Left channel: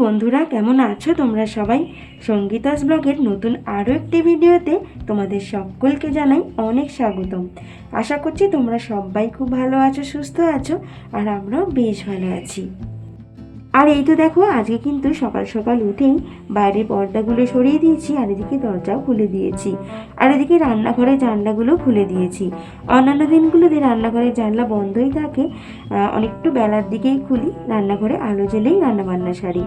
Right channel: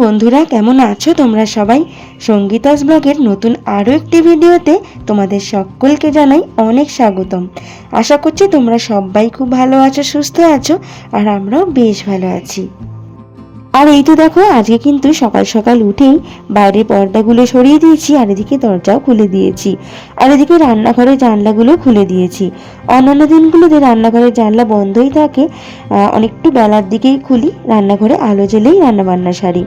বন্ধুরা, কেমন আছো তোমরা সবাই? সঙ্গীতাস ব্লগের নতুন আরও একটি ভিডিওতে তোমাদের সকলকে জানাই অনেক স্বাগতম। আশা করছি তোমরা সবাই খুব ভালো আছো, সুস্থ আছো, আর আমরাও বেশ ভালো আছি। আর এই তো দেখো, আজকে কিন্তু সকাল সকাল উঠেই বাইরের পর্দাগুলো সরিয়ে দিয়েছি, আর এদিকে দরজাও খুলে দিয়েছি, আর এদিকে রান্নাঘরের জানলাগুলো খুলে দিয়েছি। অন্যান্য দিনগুলোতে রান্নাঘরের জানলা বন্ধই থাকে, অনেকটু বেলার দিকেই খুলি, রান্নাঘরে আলো জ্বেলেই রান্নাবান্না সারি।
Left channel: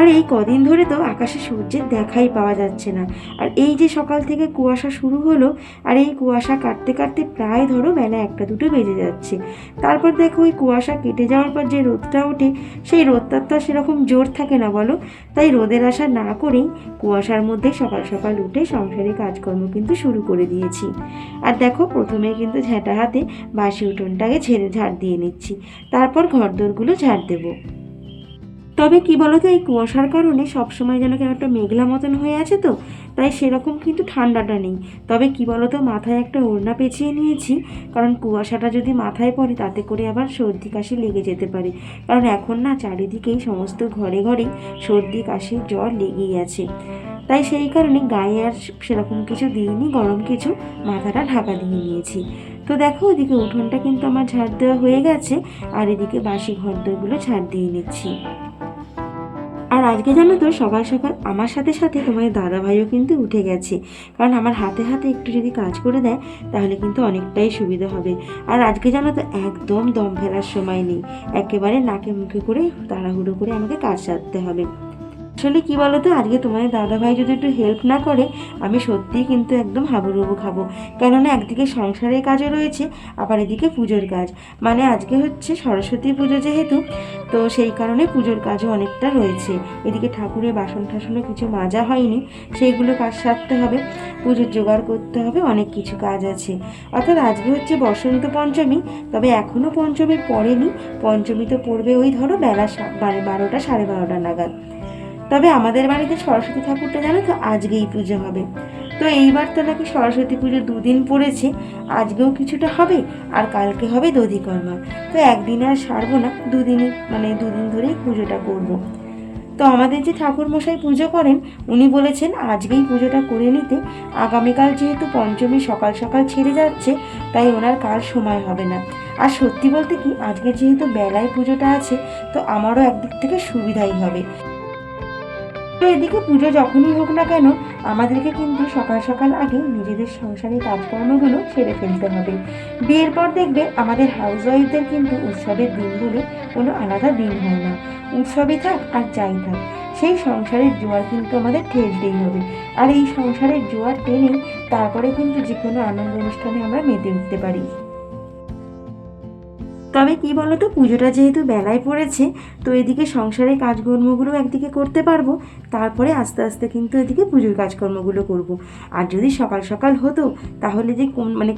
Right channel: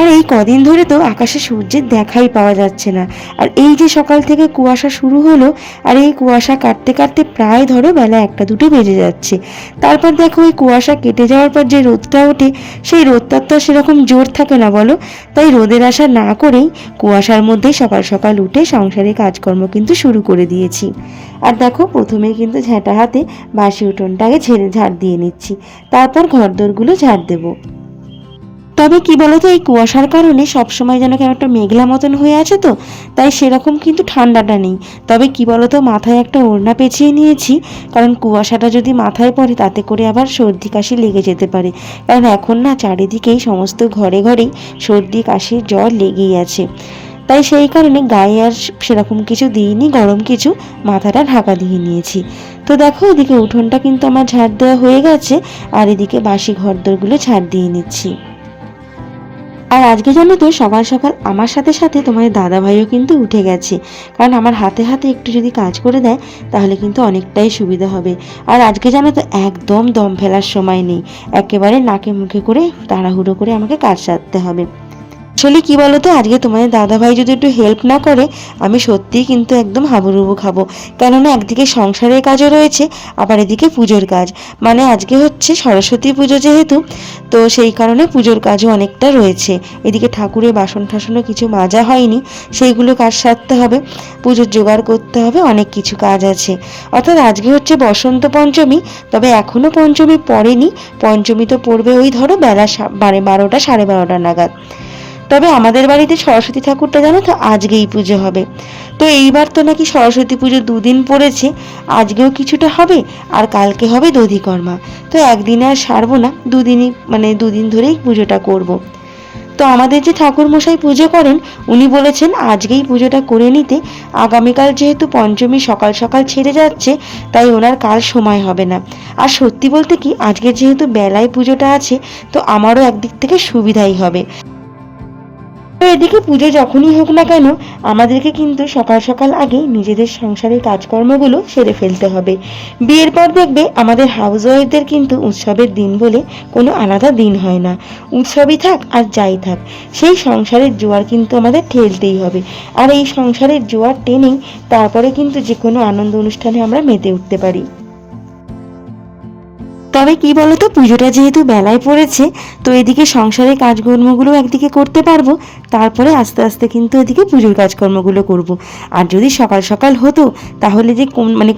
আর এই কদিন ধরে তো আকাশে সূর্যের দেখাই পাওয়া যাচ্ছে না। আর এই যে সকাল থেকে কুয়াশা শুরু হলো, আর এই কুয়াশা কাটতে কাটতে প্রায় ধরো বেলা 1টা-2টো বেজে যাচ্ছে। তারপর দেখো এই কুয়াশা কেটে যাওয়ার পর যে রোদটা ওঠে, সেই রোদটার তো সেরকম জোর থাকে না বলো। তাই রোদের আশা না করেই কুয়াশার মধ্যেই সকাল সকাল উঠে সংসারের কাজকর্ম কিন্তু শুরু করে দিয়েছি। আর দেখো, প্রথমে কিন্তু ঝাঁটা হাতে বাসি উঠোনটাকে ঝাড় দিয়ে নিচ্ছি, তারপর ঘরদোরগুলো ঝাড় দেবো। তবে কি বলতো, এই কুয়াশার কারণে সবসময় যেন কেন একটা মেঘলা মতন হয়ে আছে, তো তাই সেরকম কিন্তু ঠান্ডাটা নেই। তবে কি বলতো, মাথায় একটা ওড়না পেঁচিয়ে নিয়েছি, কারণ কুয়াশাটা যদি মাথায় পড়ে তাতে করে আবার সর্দি কাশি লেগে যেতে পারে। কারণ এখন না চারিদিকেই সমস্ত ঘরে ঘরেই সর্দি কাশি জ্বর লেগেই আছে। তাই সেই কারণে গায়ে আর সেরকম কিছু দিইনি, গরম কিছু মাথাটা ঢাকা দিয়ে নিয়েছি। তো দেখো, এদিকে উঠোনটা কিন্তু আমার ঝাড় দেওয়া হয়ে গেছে, আর এদিকে বাসি ঘরদোরগুলো ঝাড় দিয়ে নিচ্ছি। আর আজকে জানো তো, সকাল সকাল আমার সাথে সাথে তোমাদের দাদাভাইও কিন্তু উঠে গেছে, কারণ আমার হাতে হাতে একটু যদি কাজ করে দেয় তাহলে কিন্তু অনেকটাই সুবিধা হবে। আর আজকে জানো তো, একদম দম ফেলার সময় নেই, একেবারে নাকে মুখে করে তাড়াহুড়ো করে আমাকে কাজ সারতে হবে। আসলে কি বলতো, আজকে তোমাদের দাদাভাই যদি একটু হেল্প না করে, আমি সত্যিই কিন্তু একদম হাবুডুবু খাবো। কেননা একদিকে সংসারের কাজও রয়েছে, আবার এদিকে পুজোর কাজ। মানে আজকে হচ্ছে সরস্বতী পুজো যেহেতু, তো সেই কারণে পুজোর কাজও অনেকটা রয়েছে। এদিকে ঠাকুরের বাসন টাসনও কিছু মাজা হয়নি, সেইগুলো কাজ সারতে হবে, পুজোর জোগাড় করতে হবে, অনেক কিছু কাজ আছে। অর্থাৎ আজকে হচ্ছে বসন্ত পঞ্চমী, তবে এখনও পঞ্চমী পড়েনি। পঞ্চমী তো পড়বে ওই ধরো বেলা 12টা 12:30 নাগাদ। তবে আমাদের বাড়িতে সরস্বতী ঠাকুরটা জানো তো আজকেই পুজো হবে। তো এইবার তো নাকি সরস্বতী পুজো 2 দিন পড়েছে, আজকেও কিছুটা হবে, আর কালকে হবে দধিকর্মা। তো একদিনে আর সারবো না, 2 দিনই মানে 2 দিন ধরেই পুজোটা করব। তো আমাদের যে ঠাকুর মশাই পুজো করেন, উনি বলেছেন আজকেই পুজোটা করে নিতে। আগামীকাল যেহেতু পঞ্চমী সকাল সকাল ছেড়ে যাচ্ছে, তাই ওনার কাল সময় হবে না। আর সত্যি বলতে কি, আজকে যেহেতু বেলায় পুজোটা আছে, তো আমারও একদিক থেকে সুবিধাই হবে। তো এদিকে পুজো যখনই হোক না কেন, আমাদেরকে কিন্তু সকাল সকাল আগে নিজেদের সংসারের কাজকর্মগুলো সেরে ফেলতে হবে। বিয়ের পর দেখবে আমাদের হাউস ওয়াইফদের কিন্তু উৎসবের দিন বলে কোনো আলাদা দিন হয় না। উৎসবই থাক আর যাই থাক, সেই সংসারের জোয়ার কিন্তু আমাদের ঠেলতেই হবে। আর এই সংসারের জোয়ার টেনেই তারপরে কিন্তু যে কোনো আনন্দ অনুষ্ঠানে আমরা মেতে উঠতে পারি। তবে কি বলতো, পুজোটা যেহেতু বেলায় পড়েছে, তো এদিকে সংসারের কাজকর্মগুলো একদিকে করতে পারবো, তারপরে আস্তে আস্তে কিন্তু এদিকে পুজোর কাজকর্মগুলো করব। আর যদি সকাল সকাল হতো, তাহলে যে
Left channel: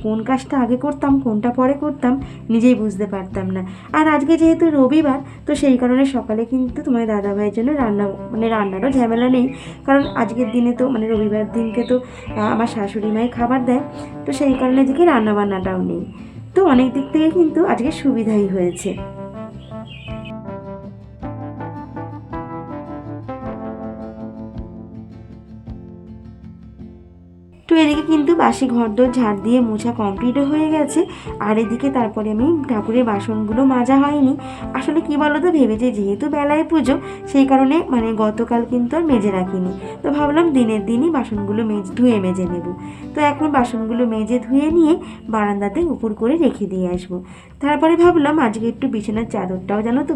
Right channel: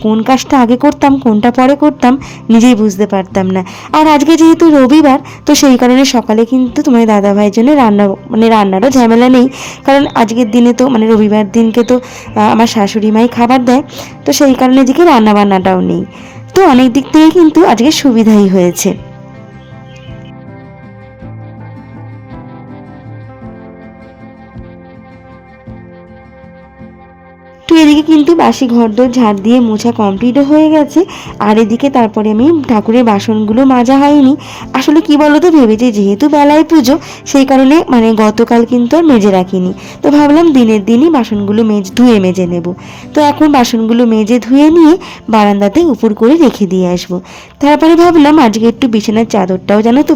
কোন কাজটা আগে করতাম কোনটা পরে করতাম নিজেই বুঝতে পারতাম না। আর আজকে যেহেতু রবিবার, তো সেই কারণে সকালে কিন্তু তোমার দাদাভাইয়ের জন্য রান্নারও ঝামেলা নেই, কারণ আজকের দিনে তো রবিবার দিনকে তো আমার শাশুড়ি মাই খাবার দেয়, তো সেই কারণে এদিকে রান্নাবান্নাটাও নেই। তো অনেক দিক থেকে কিন্তু আজকে সুবিধাই হয়েছে। তো এদিকে কিন্তু বাসি ঘরদোর ঝাড় দিয়ে মোছা কমপ্লিটও হয়ে গেছে। আর এদিকে তারপরে আমি ঠাকুরের বাসনগুলো মাজা হয়নি। আসলে কি বলতো, ভেবেছি যেহেতু বেলায় পুজো, সেই কারণে গতকাল কিন্তু আর মেজে রাখিনি। তো ভাবলাম দিনের দিনই বাসনগুলো ধুয়ে মেজে নেব। তো এখন বাসনগুলো মেজে ধুয়ে নিয়ে বারান্দাতে উপর করে রেখে দিয়ে আসবো। তারপরে ভাবলাম আজকে একটু বিছানার চাদরটাও জানো তো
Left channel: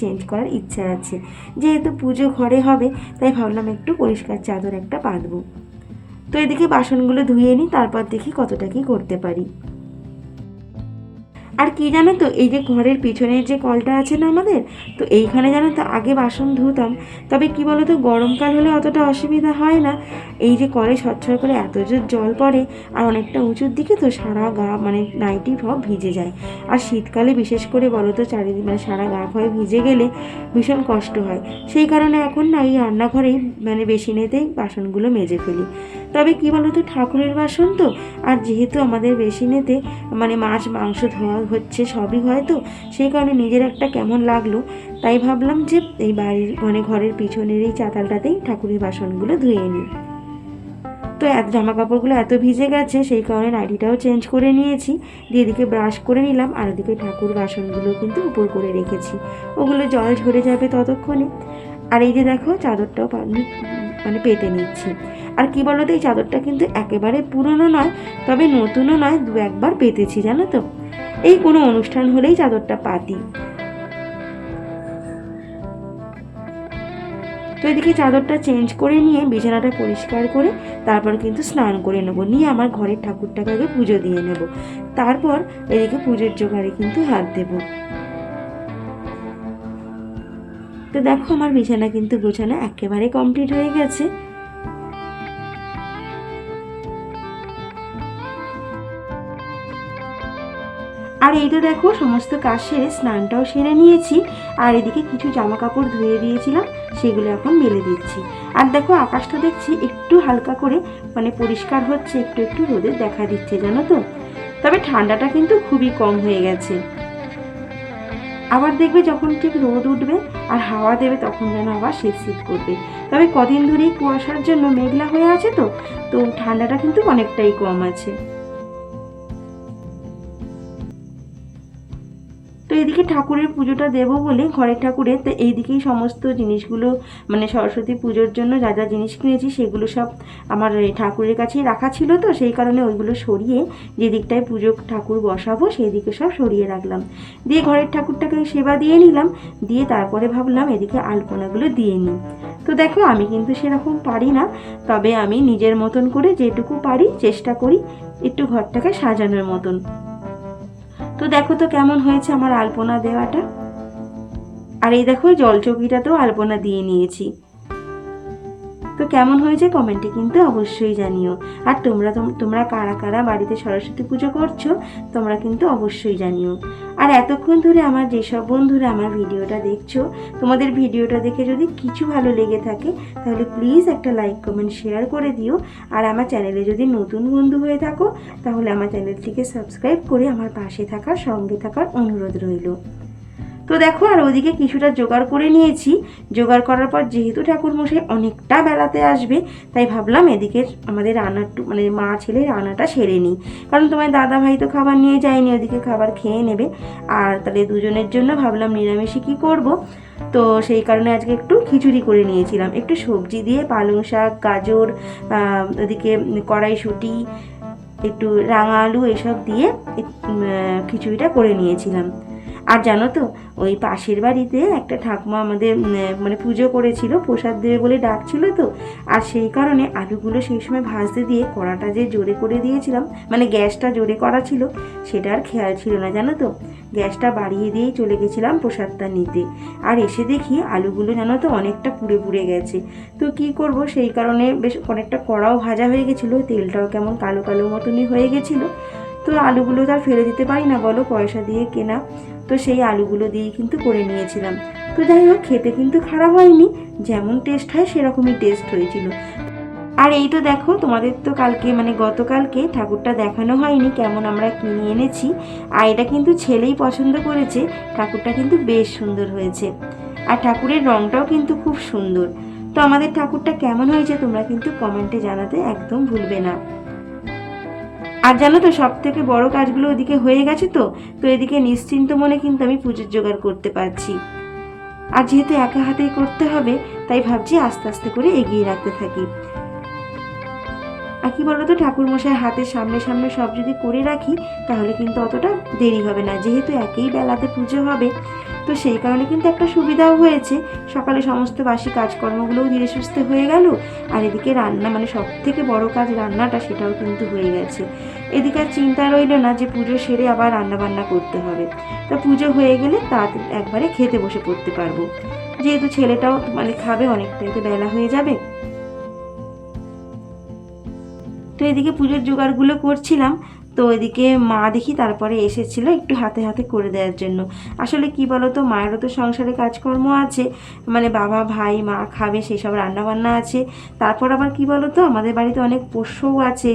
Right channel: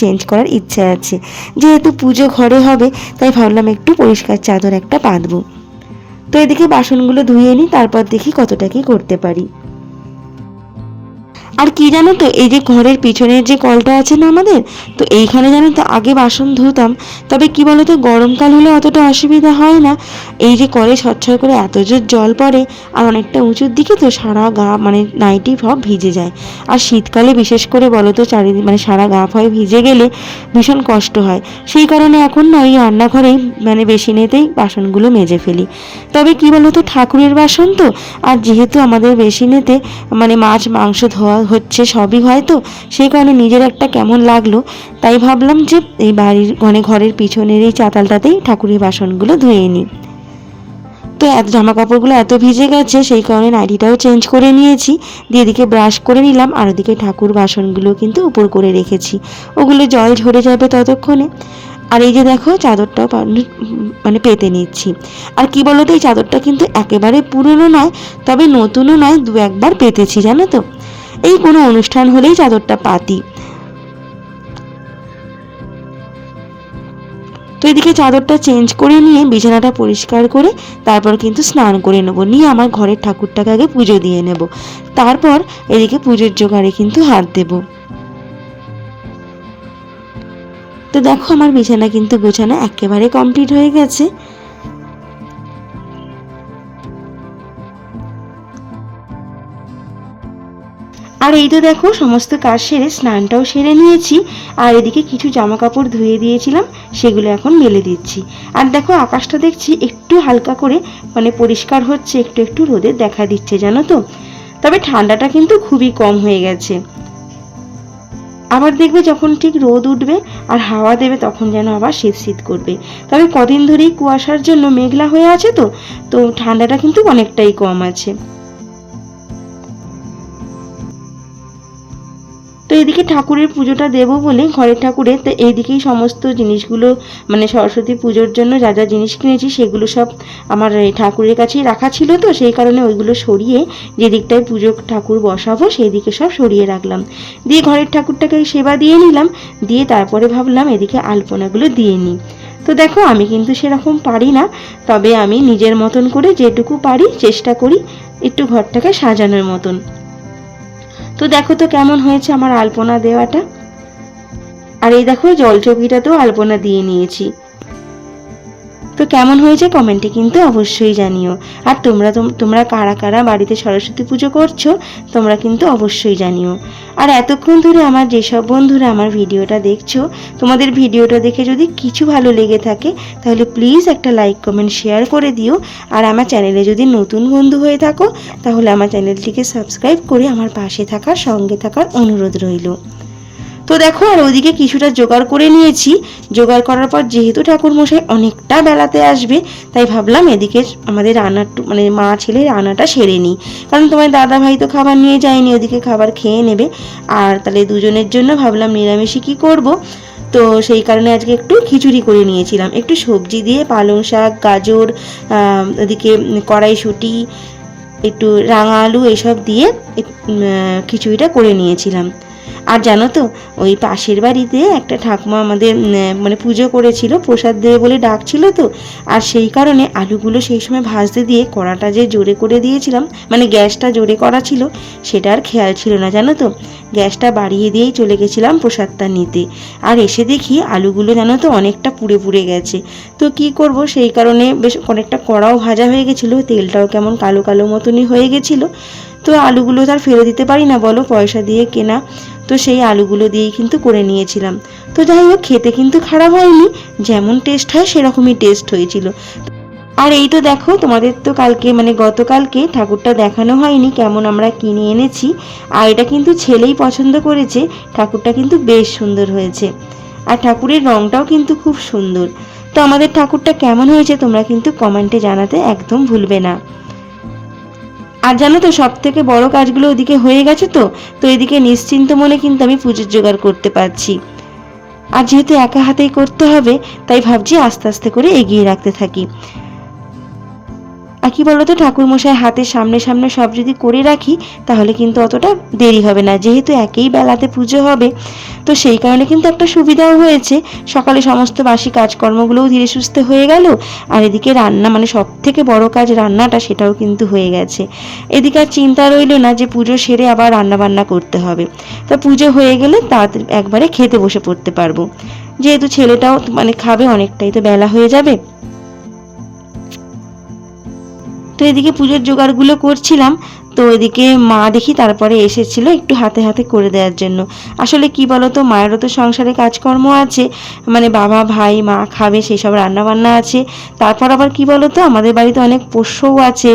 চেঞ্জ করার ইচ্ছা আছে। যেহেতু পুজো ঘরে হবে, তাই ভাবলাম একটু পরিষ্কার চাদর একটা পাতবো। তো এদিকে বাসনগুলো ধুয়ে নিই, তারপর দেখি কতটা কি করতে পারি। আর কি জানো তো, এই যে ঘরের পিছনের যে কলটা আছে না আমাদের, তো এইখানে জানো তো আগে বাসন ধুতাম। তবে কি বলতো, গরমকাল হলে অতটা অসুবিধা হয় না। এই যে কলে ছটছট করে এত জোর জল পড়ে, আর অনেকটা উঁচুর দিকে, তো সারা গা নাইটি সব ভিজে যায়। আর শীতকালে বিশেষ করে বলো তো, চারিদিক সারা গা ফয় ভিজে গেলে ভীষণ কষ্ট হয়। সেই কারণে এখন না ওই রান্নাঘরেই বেসিনেতেই বাসনগুলো মেজে ফেলি। তবে কি বলতো, ঠাকুরের বাসন তো, আর যেহেতু আমাদের বেসিনেতে মাছ মাংস ধোয়া হচ্ছে, সবই হয়, তো সেই কারণে নিজের একটা কেমন লাগলো, তাই ভাবলাম যে এই বাড়ির ঘরের পিছনের এই চাতালটাতেই ঠাকুরের বাসনগুলো ধুয়ে নিই। তো জামা কাপড়গুলো এত ভিজে গেছে, সেই কারণে নাইটিটাও চেঞ্জ করে নিয়েছি, দিয়ে এদিকে ব্রাশ করে নিলাম, আর ওদিকে ঠাকুর বাসনগুলো কিন্তু উপর করে রেখেছি, ওগুলো জল ঝরে যাবে ততক্ষণে। আর এই যে দেখো চাদরটাও মানে পেতে নিচ্ছি। আর কি বলতো, এই চাদরটা কিন্তু একেবারে পুরনো নয়, তবে নতুনও নয়, দু একবার পেতেছি জানো তো, এই কোনো অনুষ্ঠান হলেই চাদরটা পাতি। তো এদিকে চাদরটা চেঞ্জ করে নিয়ে বিছানাটা পরিষ্কার করে তারপর কিন্তু স্নান করে নেবো, নিয়ে আমার ঘরের ঠাকুরটাকে আগে পুজো দিয়ে নেব, তারপর এদিকে পুজোর জোগাড়ে কিন্তু হাত দেব। তো দেখো আমার বিছানা কিন্তু গোছানো একেবারে কমপ্লিট হয়ে গেছে। আর এই তো দেখো সমস্ত কাজ সেরে স্নানটাও সেরে নিয়েছি, আর এদিকে কিছু জামা কাপড় ধুয়ে দিয়েছিলাম, সেগুলো এখন মেলে দিচ্ছি। আর দেখো আকাশটা দেখছি একটু হালকা করে মানে পরিষ্কার হচ্ছে, একটু একটু রোদের দেখা দিচ্ছে জানো তো, তবে ঠান্ডাটা কিন্তু খুবই কম হয়ে গেছে। আবার দেখবে যখন ঠিক রোদ উঠবে আর হাওয়া দেবে তখন যেন আবার শীত শীত করবে, তবে কদিন ধরেই কুয়াশার জন্য মেঘলা হয়ে আছে, তো তো ঠান্ডাটা কিন্তু অনেকটাই কম আছে। তো এদিকে ঠাকুরের পুজোটা দেবো বলে ঘরের ঠাকুরের, তো এইদিকেই সমস্ত জিনিসগুলো মানে সরস্বতী পুজোর জন্য যা যা জিনিস কিনেছি সেগুলো সব আমার ঠাকুরের কাছেই রাখা ছিল, তো সেই কারণে ওইগুলো সরিয়ে যে দিকটায় পুজো ঠাকুর বসাবো সেই দিকে সব সরিয়ে রাখলাম, দিয়ে ঘরের ঠাকুরটাকে সেবা দিয়ে নিলাম, দিয়ে তারপরে ভাবলাম এদিকে আলপনাগুলো দিয়ে নিই। তো দেখো আমি কিন্তু সেরকম পারি না, তবে আমি নিজের মতন করে যেটুকু পারি চেষ্টা করি একটু ঘরটাকে সাজানোর মতন। তো দেখো তো কেমন হয়েছে আমার আলপনা দেওয়াটা। আর এই দেখো জলচৌকিটাতেও আলপনা দিয়ে নিয়েছি। তো কেমন হয়েছে কমেন্টে কিন্তু অবশ্যই জানিও। আর তোমরা কারা কারা বাড়িতে সরস্বতী পুজো করছো তোমরা কিন্তু অবশ্যই জানিও। আর এতক্ষণ ধরে আমার যেসব বন্ধুরা আমার ভিডিওটা দেখছো, তোমাদের ভিডিওটা দেখে যদি কিছু ভালো লেগে থাকে তাহলে প্লিজ একটা লাইক কমেন্ট শেয়ার করে দিও। আর আমার চ্যানেলে যদি নতুন বন্ধু হয়ে থাকো তাহলে আমার চ্যানেলটিকে সাবস্ক্রাইব করে আমার পাশে থাকার সঙ্গে থাকার অনুরোধ রইল। তো দেখো আর ওইদিকে কিছুটা জোগাড় করে নিয়েছি, জোগাড় করার পর যেহেতু ঠাকুরমশাই অনেকটা বেলাতে আসবে তাই ভাবলাম এদিকে আমাদের রান্না মানে মা ছেলে রান্নাটা সেরে নিই, কারণ তোমার দাদা ভাই তো খাবার নিয়ে যায়নি, ওদিকে খাবার খেয়ে নেবে, আর তাহলে দুজনের জন্য ভাবলাম নিরামিষই কী করব। তো সেই কারণে আজকে একটু খিচুড়ি করে নিয়েছিলাম, একটু সবজি দিয়ে পালং শাক, গাজর, ওদিকে কড়াইশুঁটি, একটু রাঙা আলু এসব দিয়ে খিচুড়িটা করে নিয়েছিলাম। আর জানো তো ওই পাশের বাড়িতে একটা ঠাকুমা আমাদের মানে পুজো করেছিল, প্রসাদ দেবে বলে ডাকছিল, তো আর সেই কারণে আলুগুলো সেই সময় ভাজতে দিয়ে কড়াটা যে জোরে করে দিয়েছিলাম, মানে গ্যাসটা জোরে করা ছিল সেটা আর খেয়াল ছিল না জানো তো, গ্যাসটা বাড়িয়ে দিয়েই চলে গেছিলাম প্রসাদটা নিতে, আর এসে দেখি আলুগুলো জানো তো অনেকটা পুড়ে পুড়ে গেছে। তো কি করব, সেই কারণে বেশ অনেকটা কড়াও ভাজা হয়ে গেছিলো, তেলটাও কেমন কালো কালো মতনই হয়ে গেছিলো। তো আলুগুলো তো আর ফেলে দিতে পারি না বলো, পয়সা দিয়ে কেনা, তো সেই আলুগুলো দিয়েই কিন্তু করে নিয়েছিলাম। তো যাই হোক খেতে কিন্তু খারাপ হয়নি, যেমন টেস্ট হয় সেরকমই টেস্ট হয়েছিল। আর এই তো দেখো তোমাদের তো কালকে মানে গতকালকে ঠাকুরটা দেখানো হয়নি কেমন আমরা কিনে এনেছি, আর এটা কিন্তু ছেলেই পছন্দ করেছে, ঠাকুরটা কিন্তু বেশ সুন্দর হয়েছে, আর ঠাকুরের রংটাও কিন্তু খুব সুন্দর। তো আমাদের ঠাকুরটা কেমন হয়েছে তোমরা কিন্তু কমেন্টে জানাতে একদম ভুলবে না। আর জানো তো সব থেকে বড় কাজগুলো ওদিকে হয়ে গেছে, তো তো এদিকে নিশ্চিন্ত মনে কিন্তু আমি পুজোর জোগাড় করতে পারছি। আর যেহেতু একা হাতেই করতে হবে তাই ভাবছি আস্তে আস্তে করে এগিয়ে রাখতে থাকি। আর কি বলতো, ঠাকুরমশাই হাতের সামনে সামনে সব যদি করে রাখি তাহলে কিন্তু অতটা দেরি হবে না, যেহেতু একই বেলাতে পুজো হবে, তো সেই কারণে কিন্তু একটা সুবিধাও হয়েছে, সকালে সমস্ত বাসি কাজকর্মগুলোও ধীরে সুস্থে হয়ে গেল, আর এদিকে রান্না মানে সব থেকে বড় কাজ রান্নাটা সেটাও কিন্তু হয়ে গেছে। এদিকে আর চিন্তা রইল না যে পুজো সেরে আবার রান্না বান্না করতে হবে, তা পুজো হয়ে গেলে তাড়াতাড়ি একবারে খেতে বসে পড়তে পারবো, যেহেতু ছেলেটাও মানে খাবে, অনেকটাই তো বেলা হয়ে যাবে। তো এদিকে পুজোর জোগাড়গুলো করছিলাম, তো এদিকে মা দেখি তারপরে এসেছিল একটু হাতে হাতে করে দেওয়ার জন্য। আসলে কি বলতো, মায়েরও তো সংসারে কাজকর্ম আছে, মানে বাবা ভাই মা খাবে সেই সব রান্নাবান্না আছে। তারপর আবার কি বলতো, আমাদের বাড়িতে অনেক পোষ্যও আছে,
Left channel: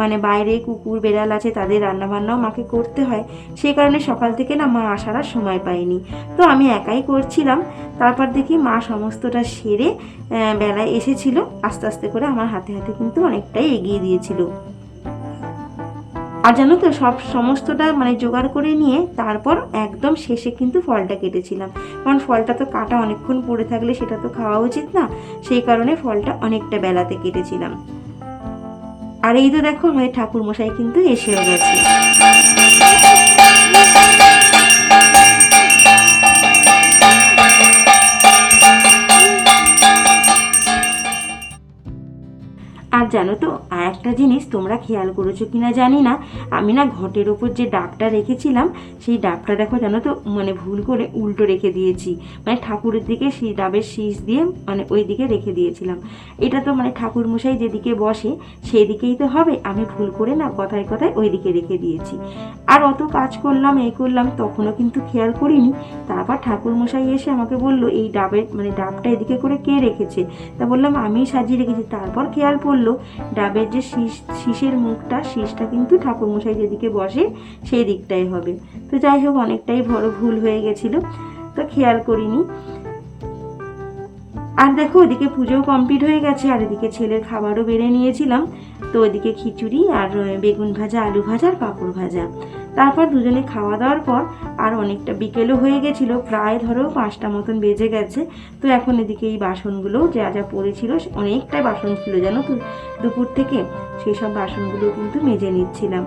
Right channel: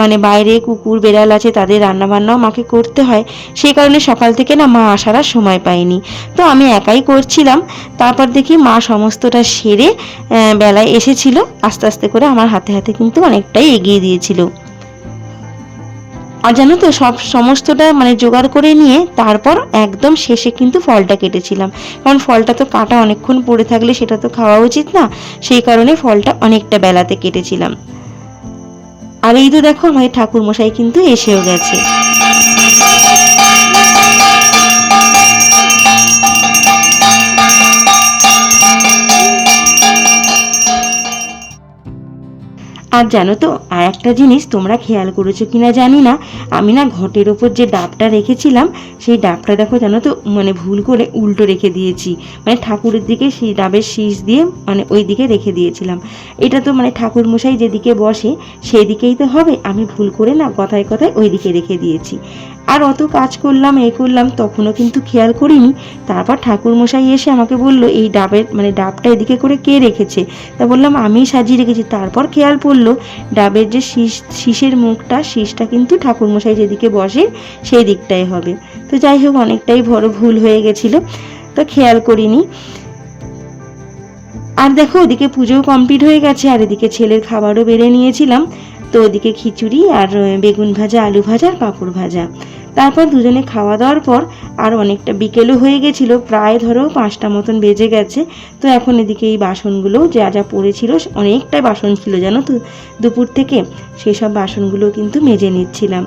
মানে বাইরে কুকুর বেড়াল আছে, তাদের রান্নাবান্নাও মাকে করতে হয়। সেই কারণে সকাল থেকে না মা আসার আর সময় পায়নি, তো আমি একাই করছিলাম। তারপর দেখি মা সমস্তটা সেরে বেলায় এসেছিল, আস্তে আস্তে করে আমার হাতে হাতে কিন্তু অনেকটাই এগিয়ে দিয়েছিল। আর জানো তো, সমস্তটা মানে জোগাড় করে নিয়ে তারপর একদম শেষে কিন্তু ফলটা কেটেছিলাম, কারণ ফলটা তো কাটা অনেকক্ষণ পড়ে থাকলে সেটা তো খাওয়া উচিত না, সেই কারণে ফলটা অনেকটা বেলাতে কেটেছিলাম। আর এই তো দেখো আমাদের ঠাকুর মশাই কিন্তু এসেও গেছে। আর জানো তো, আর একটা জিনিস তোমরা খেয়াল করেছো কিনা জানি না, আমি না ঘটের ওপর যে ডাবটা রেখেছিলাম সেই ডাবটা দেখো জানো তো, মানে ভুল করে উল্টো রেখে দিয়েছি, মানে ঠাকুরের দিকে সেই ডাবের শীষ দিয়ে মানে ওই দিকে রেখে দিয়েছিলাম। এটা তো মানে ঠাকুর মশাই যেদিকে বসে সেই দিকেই তো হবে, আমি ভুল করে না কথায় কথায় ওই দিকে রেখে দিয়েছি। আর অত কাজ করলাম করলাম তখনও কিন্তু খেয়াল করিনি। তারপর ঠাকুর মশাই এসে আমাকে বলল, এই ডাবের মানে ডাবটা এদিকে করে কে রেখেছে? তা বললাম আমি সাজিয়ে রেখেছি। তারপর খেয়াল পড়লো ডাবের যে শীষের মুখটা, শীষটা কিন্তু ঠাকুর মশাই যেদিকে বসে সেই দিকটাই হবে। তো যাই হোক, অনেকটাই বড় ভুল হয়ে গেছিল, তো খেয়াল করিনি। আর দেখো ওদিকে পুজোও কমপ্লিট হয়ে গেছে, আর এদিকে ছেলের খাবারও বেড়ে নিয়েছিলাম। তো ওদিকে খিচুড়ি আর বেগুন ভাজা, আলু ভাজা আর পাঁপড় ভাজা। তারপর দুজনে খাওয়া দাওয়ার পর আর অনেকটা বিকেলও হয়ে গেছিলো, প্রায় ধরো 5টা মতন বেজে গেছে। তো এখন এদিকে এই বাসনগুলো যা যা পড়েছিল, অনেকটাই বাসন ছিল জানো তো দুপুর থেকে, সেই সব বাসনগুলো কিন্তু মেজে নিচ্ছিলাম।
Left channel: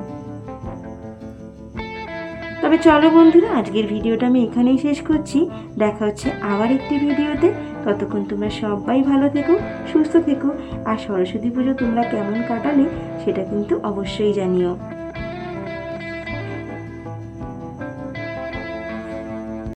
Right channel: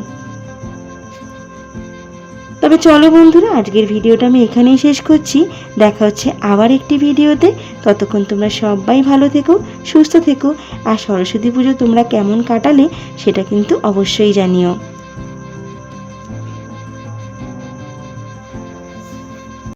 তবে চলো বন্ধুরা, আজকের ভিডিওটা আমি এখানেই শেষ করছি। দেখা হচ্ছে আবার একটি ভিডিওতে। ততক্ষণ তোমরা সবাই ভালো থেকো, সুস্থ থেকো। আর সরস্বতী পুজো তোমরা কেমন কাটালে সেটা কিন্তু অবশ্যই জানিও।